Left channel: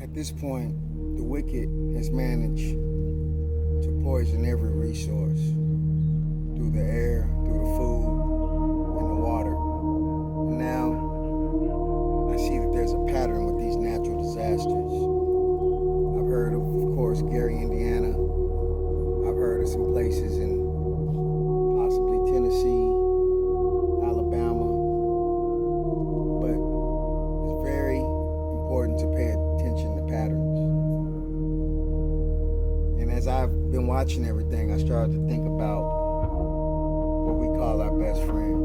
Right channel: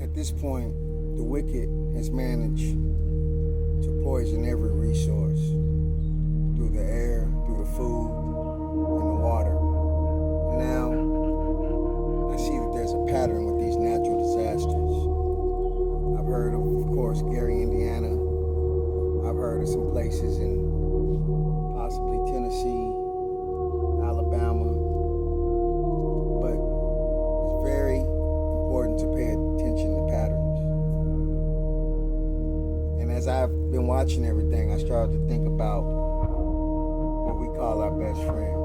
At this point, the wicked has managed to poison every resource through the air, through the food, and the water. And now, I see that there's a pattern with these natural disasters. I've heard of course, Gary, Indiana. I've heard of some places in possibly Tennessee, Alabama. But it's very important to pay attention to patterns. And as I've been watching everything, I started to think about what we call our best friend.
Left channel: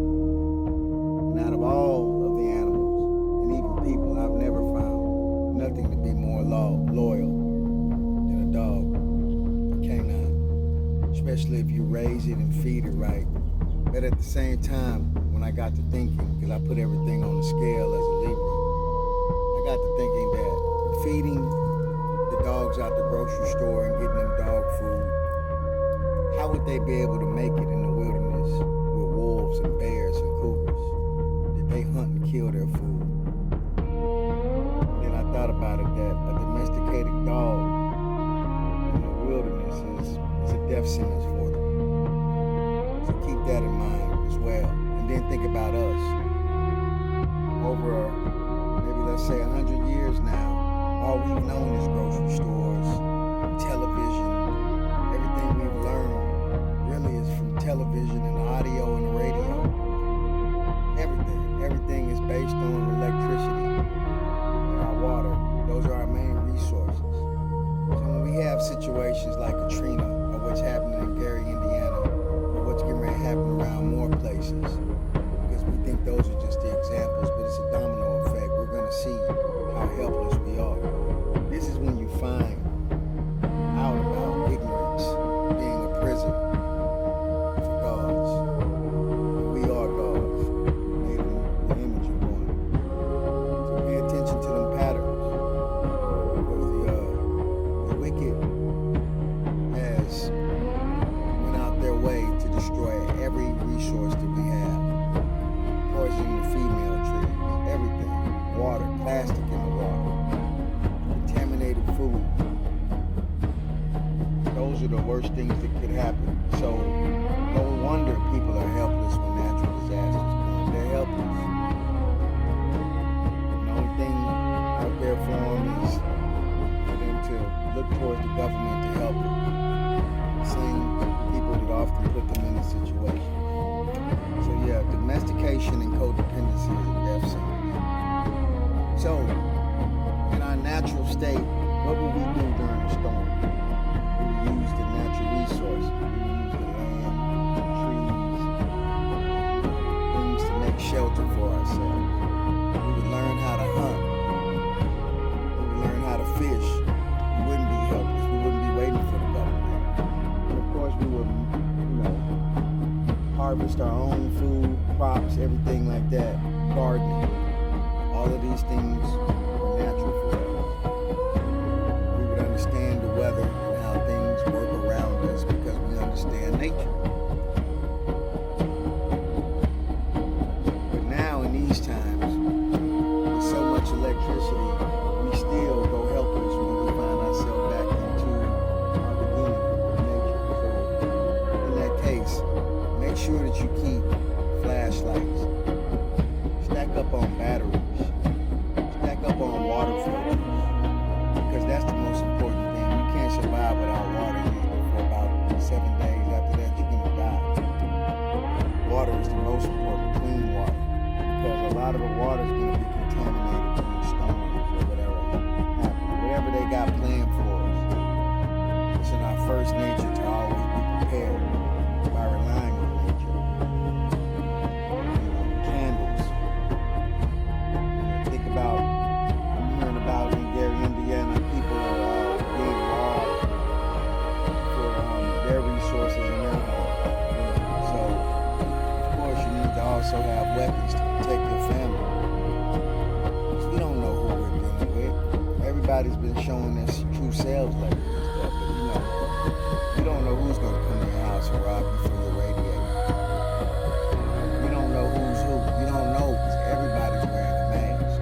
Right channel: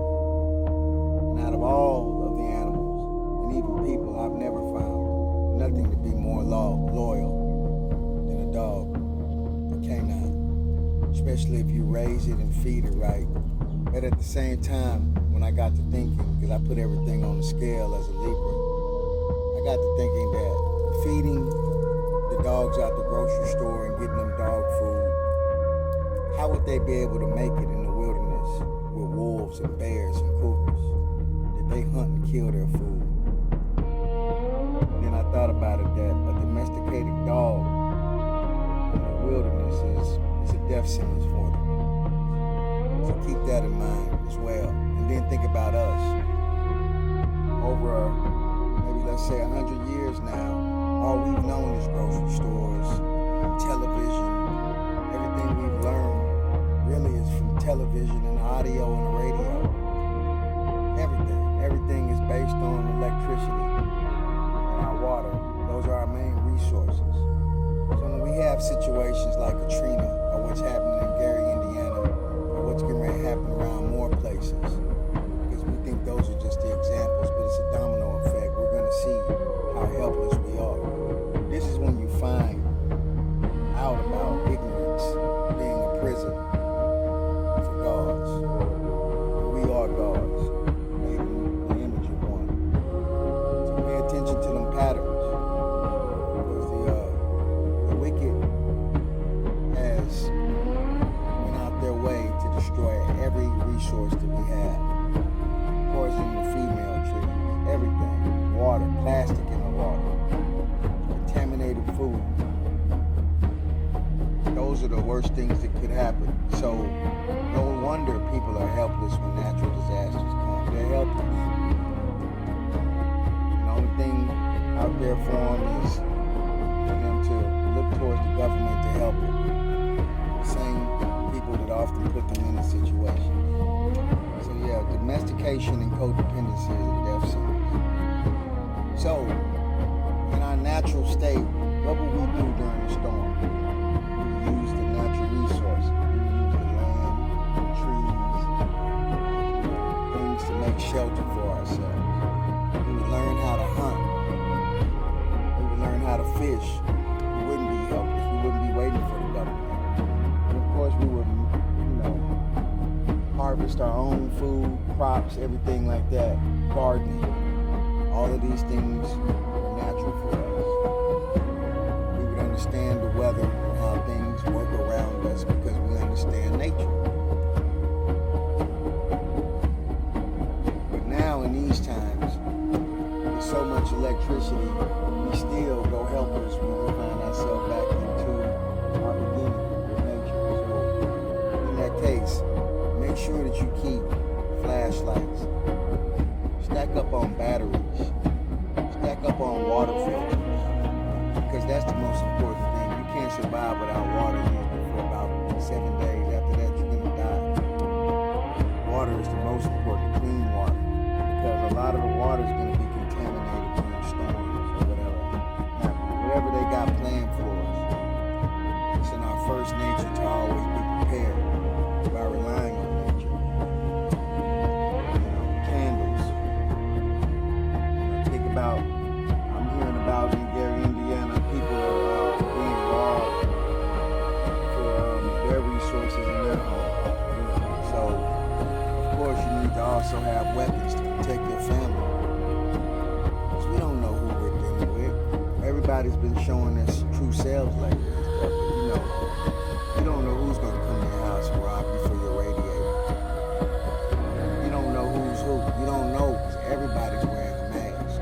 And out of all of the animals, and even people, I've never found nothing to be more loyal than a dog, a canine. Especially if you raise it and feed it right. But at the same time, when I got to thinking, because I put everything on the scale as a Libra, I got to thinking that feeding the dogs out the grocery store and getting them dog food, how would they be able to make it in the wilderness with wolves and bears and cougars? Did they hunt and kill their food? And then I thought about it that a domesticated dog in the wilderness is a death sentence for them. So keep that in mind as well. And then think about us. Over maybe let's say 100 years now, all we've known is grocery stores, television. Everything we've learned really is from television and audio and the radio. Everything is based on electricity and our water. Those are our main resources. So when we have situations like Katrina or what's happening in Gary, Indiana, or what's getting ready to happen around more places, because we think those are just the examples, but it's a domino effect. We're going to see how helpless we are. This is when you find out about ignorance being a prison for gods. We are gods, made in the image of one. So pay attention to them patterns, because the wicked has went out their way to destroy every resource that we have. Poisoning the female trees, everything, water, plastic in the water, contaminated food. Those are the worst things that could happen. So no wonder people are helpless when natural disasters come. They're helpless. The only thing out there for them is for them to look towards the government to help them. Same people that often put them in a situation. So yeah, domestication and codependency is a death sentence. So in our natural state, what would we do during a storm? We would use the natural resources. We would use the land, the trees, things to make shelter for ourselves. We would learn how to hunt. We would learn how to fish. We wouldn't be helpless. We wouldn't be waiting for the government. And of course, we would, harvest our own food, crops, everything like that, gardening. All of these things were natural for us. We would understand the weather and how things work around us because we understand nature. But now in these times, with so much electricity, we still go helpless when we find ourselves back into our beginning with nature. So in that case, make sure that you keep flashlights, stack up on batteries, stack up on water filters, because that's the most important thing. You can't survive without water usually for about 7 days. After that, you're gonna die. Water is the most important, clean water, because a lot of the water is gonna be contaminated during storms or whatever happens. Whatever they got planned for us. It's in our first nature to always be prepared by relying on nature. Candles. Think about, I'm hearing about in Gary, Indiana, people are being robbed for their resources in their home. So of course you need to also have weapons to protect your family. Because we don't know who we're dealing with. Everybody's been showing us true selves lately and stuff, but you don't know who's going to come to your house and rob you for your radiator. You don't know who's who. You don't know because everybody's wearing a mask.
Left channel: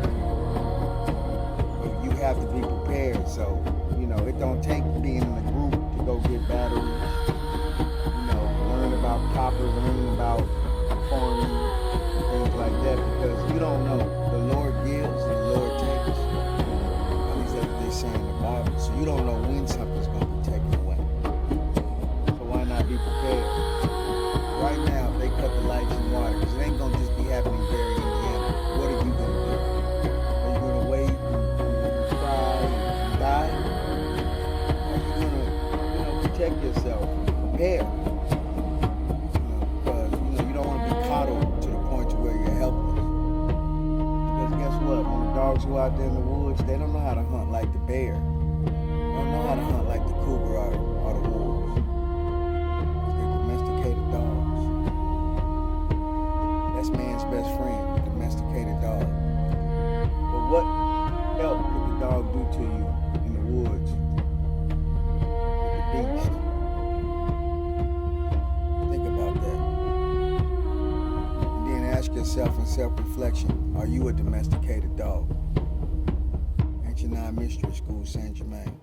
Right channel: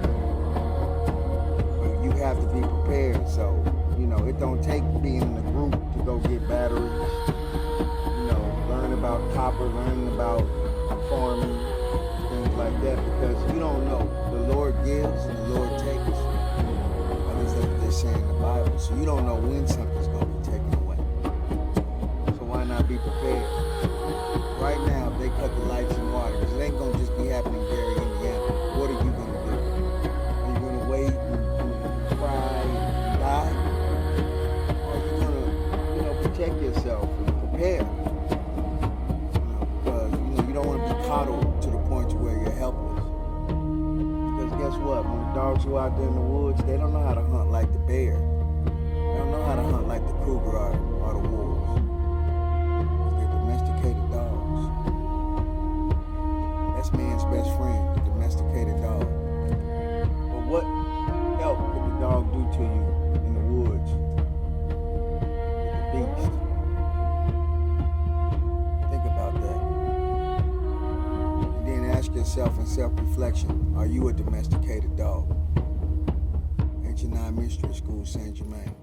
But you have to be prepared. So, it don't take being in a group to go get batteries. Learn about copper, learn about farming and things like that, because you don't know. The Lord gives and the Lord takes. At least that's what they say in the Bible. So you don't know when something's going to be taken away. So why not be prepared? Right now, if they cut the lights and water, because it ain't going to just be happening in Gary, Indiana, what are you going to do? Are you going to wait and cry and die? Or are you going to, protect yourself and prepare? Because, you don't want to be coddled to the point to where you're helpless. Because guess what? When the dogs go out there in the woods, they don't know how to hunt like the bear. They don't know how to hunt like the cougar or the wolves. They're domesticated dogs. That's man's best friend, the domesticated dog. But what help could the dog do to you in the woods with the beast? Think about that. And then ask yourself in self-reflection, are you a domesticated dog? Ancient Nine Mystery School, Saint Germain.